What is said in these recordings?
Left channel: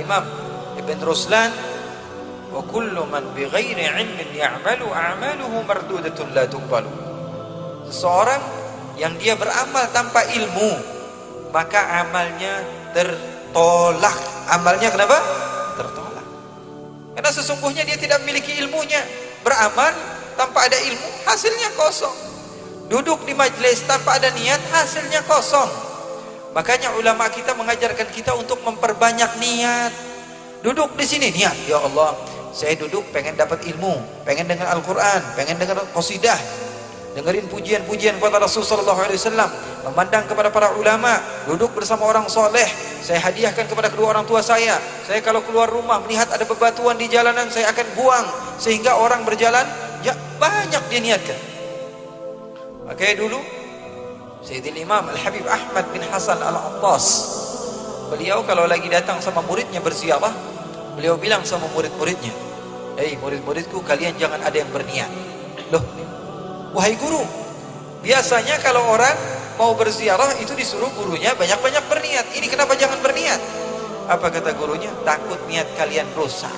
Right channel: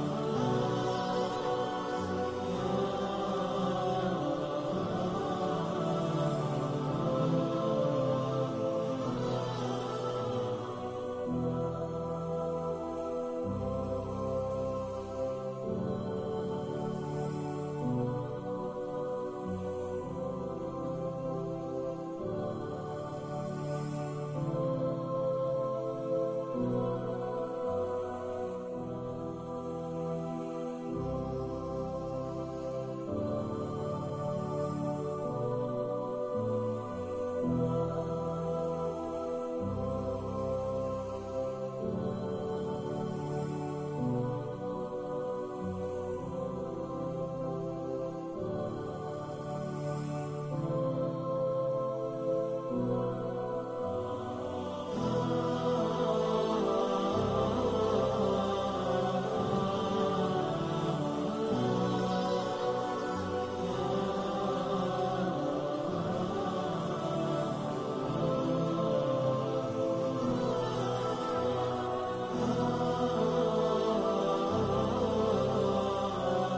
Al-Imam Ibn Ruslan, wa kullu man bighairi ilmin ya'malu a'maluhu mardudatun la tuqbalu. Seseorang yang dia beramal tanpa ilmu, maka amalnya tertolak. Amalnya kenapa? Tertolak. Karena sesungguhnya dia tidak memiliki ilmunya. Beramal tanpa ada ilmu, hasilnya kosong. Duduk di majelis tanpa ada niat, hasilnya kosong. Makanya ulama kita mengajarkan kita untuk memperbanyak niat. Duduk di sini niat, ya Allah, saya duduk pengen dapat ilmu, pengen dengar Al-Quran, pengen dengar qasidah, dengerin pujian-pujian kepada Rasulullah SAW, memandang kepada para ulama, duduk bersama orang soleh. Saya hadiahkan kepada kedua orang tua saya. Saya kalau keluar rumah melihat ada bebatuan di jalanan, saya akan buang sehingga orang berjalan ya banyak dia niatkan. Makanya dulu Sayyidil Imam Al-Habib Ahmad bin Hasan Al-Attas, beliau kalau lagi datang sama muridnya berziarah, beliau bilang sama murid-muridnya, "Hei murid-muridku, kalian jangan ada yang berniat." Loh, wahai guru, biasanya kalau orang mau berziarah itu disuruh gurunya banyak-banyak berniat. Ini kenapa jangan berniat? Apa kata gurunya? Takut niat kalian rusak.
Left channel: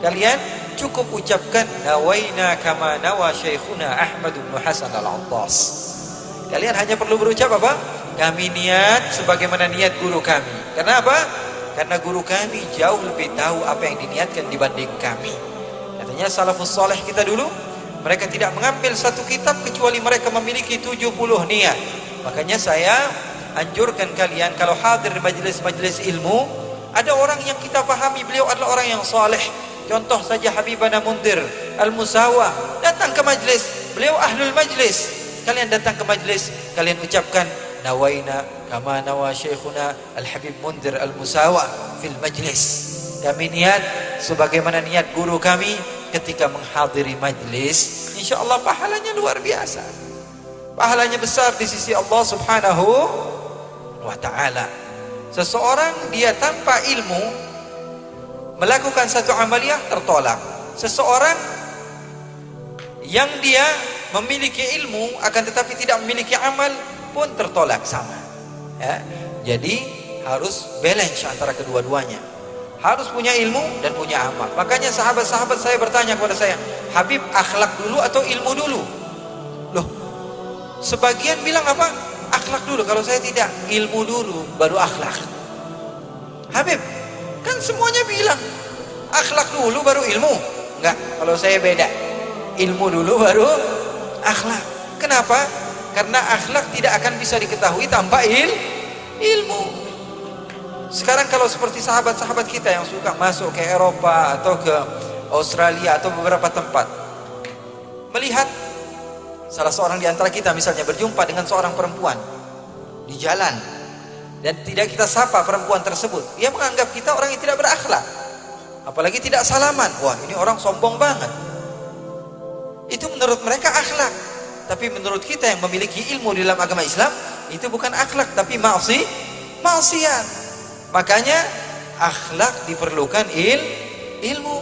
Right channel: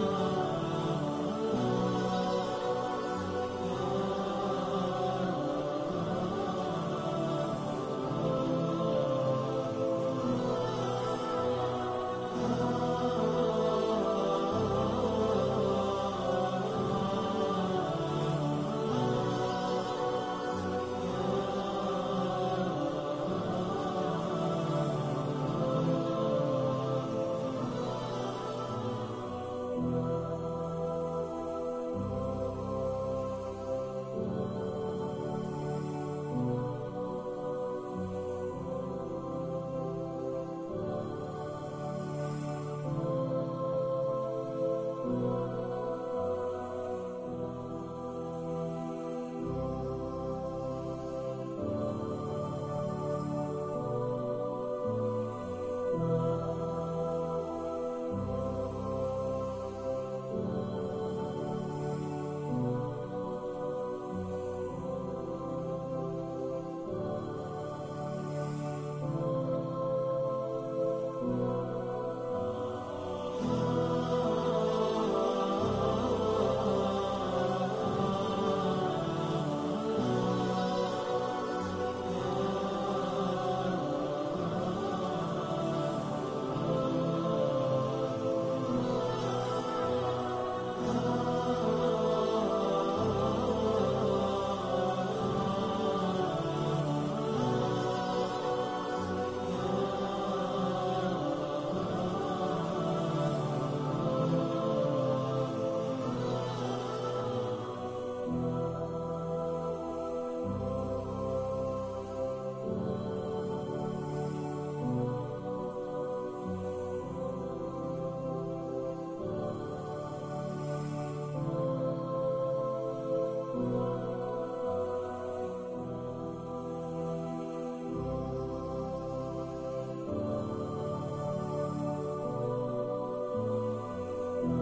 Kalian cukup ucapkan nawaina kama nawa syekhuna Ahmad bin Hasan Al-Attas. Kalian hanya perlu berucap apa? Kami niat sebagaimana niat guru kami. Karena apa? Karena guru kami jauh lebih tahu apa yang diniatkan dibanding kami. Katanya salafus saleh kita dulu, mereka tidak mengambil satu kitab kecuali mereka memiliki 70 niat. Makanya saya anjurkan kalian kalau hadir di majelis-majelis ilmu, ada orang yang kita pahami beliau adalah orang yang saleh. Contoh saja Habibana Mundir Al-Musawa, datang ke majelis, beliau ahlul majlis. Kalian datang ke majelis, kalian ucapkan nawaina kama nawa syekhuna Al-Habib Mundir Al-Musawa fil majlis. Kami niat sebagaimana niat guru kami ketika menghadiri majlis. InsyaAllah pahalanya luar biasa. Pahalanya besar di sisi Allah Subhanahu wa ta'ala. Seseorang dia tanpa ilmu melakukan satu amaliyah tertolak. Seseorang yang dia memiliki ilmu akan tetapi tidak memiliki amal pun tertolak sama. Ya. Jadi harus balance antara kedua-duanya. Harus punya ilmu dan punya amal. Makanya sahabat-sahabat saya bertanya kepada saya, Habib, akhlak dulu atau ilmu dulu? Loh, sebagian bilang apa? Akhlak dulu. Kalau saya tidak, ilmu dulu baru akhlak. Habib, kan semuanya bilang akhlak dulu baru ilmu. Enggak, kalau saya beda. Ilmu dulu baru akhlak. Kenapa? Karena akhlak tidak akan bisa diketahui tanpa ilmu. Sekarang kalau seperti sahabat-sahabat kita yang suka masuk ke Eropa atau ke Australia atau beberapa tempat, melihat salah seorang di antara kita misalnya berjumpa dengan seorang perempuan di jalan dan tidak kita sapa perempuan tersebut, dia menganggap kita orang yang tidak berakhlak, apalagi tidak salaman. Wah, ini orang sombong banget. Itu menurut mereka akhlak, tapi menurut kita yang memiliki ilmu di dalam agama Islam, itu bukan akhlak tapi maksiat. Makanya akhlak diperlukan ilmu.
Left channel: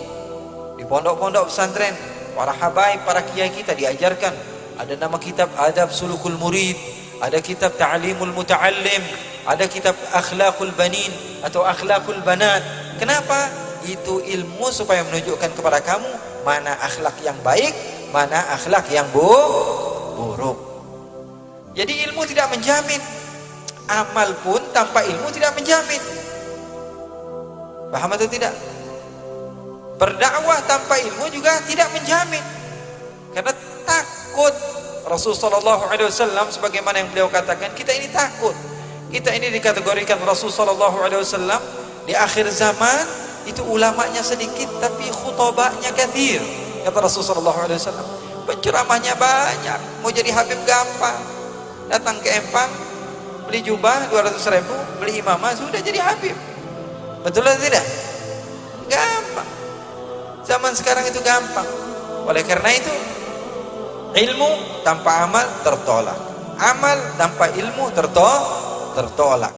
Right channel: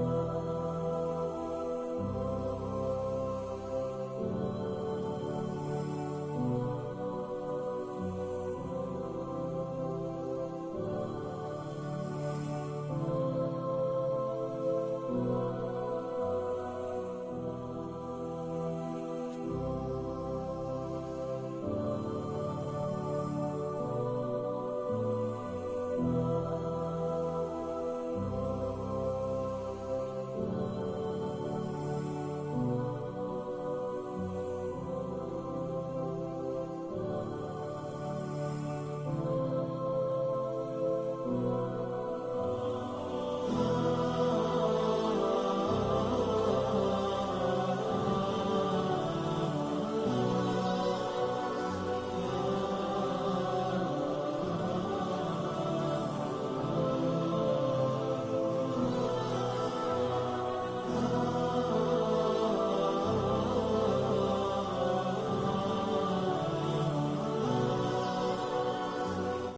Di pondok-pondok pesantren, para habaib, para kiai kita diajarkan. Ada nama kitab Adab Sulukul Murid, ada kitab Ta'limul Muta'allim, ada kitab Akhlaqul Banin atau Akhlaqul Banat. Kenapa? Itu ilmu supaya menunjukkan kepada kamu mana akhlak yang baik, mana akhlak yang buruk. Jadi ilmu tidak menjamin. Amal pun tanpa ilmu tidak menjamin. Paham atau tidak? Berdakwah tanpa ilmu juga tidak menjamin. Karena takut. Rasulullah SAW sebagaimana yang beliau katakan, kita ini takut. Kita ini dikategorikan Rasulullah SAW di akhir zaman itu ulamanya sedikit tapi khutbahnya kathir. Kata Rasulullah SAW, penceramahnya banyak. Mau jadi habib gampang. Datang ke Empang, beli jubah 200.000, beli imamah, sudah jadi habib. Betul atau tidak? Gampang. Zaman sekarang itu gampang. Oleh karena itu, ilmu tanpa amal tertolak. Amal tanpa ilmu tertolak.